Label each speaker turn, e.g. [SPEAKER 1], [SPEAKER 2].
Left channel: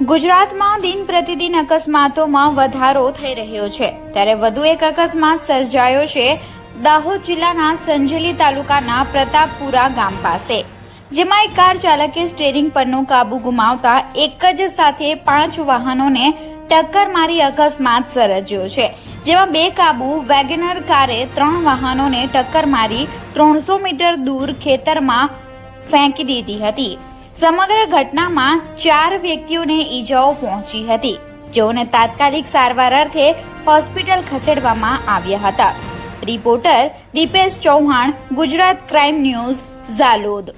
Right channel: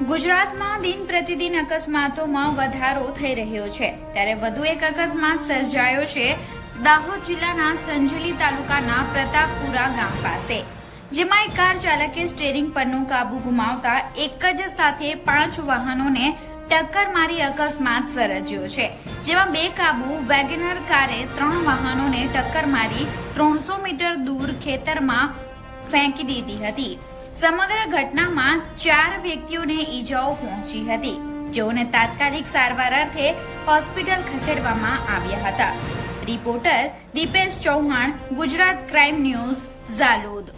[SPEAKER 1] ગુજરાતમાં દિન પ્રતિદિન અકસ્માતોમાં વધારો થઈ રહ્યો છે. ત્યારે વધુ એક અકસ્માત સર્જાયો છે દાહોદ જિલ્લાના સંજલી તાલુકાના પ્રતાપપુરા ગામ પાસે, જેમાં એક કાર ચાલકે સ્ટેરિંગ પરનો કાબુ ગુમાવતા એક જ સાથે પાંચ વાહનોને ટક્કર મારી અકસ્માત સર્જ્યો છે, જેમાં બે કાબુ વેગનર કારે ત્રણ વાહનોને ટક્કર મારી ત્રણસો મીટર દૂર ખેતરમાં ફેંકી દીધી હતી. સમગ્ર ઘટનામાં ચાર વ્યક્તિઓને ઈજાઓ પહોંચી હતી, જેઓને તાત્કાલિક સારવાર અર્થે હોસ્પિટલ ખસેડવામાં આવ્યા હતા. Reporter Dipesh Chauhan, Gujarat crime news, Zalod.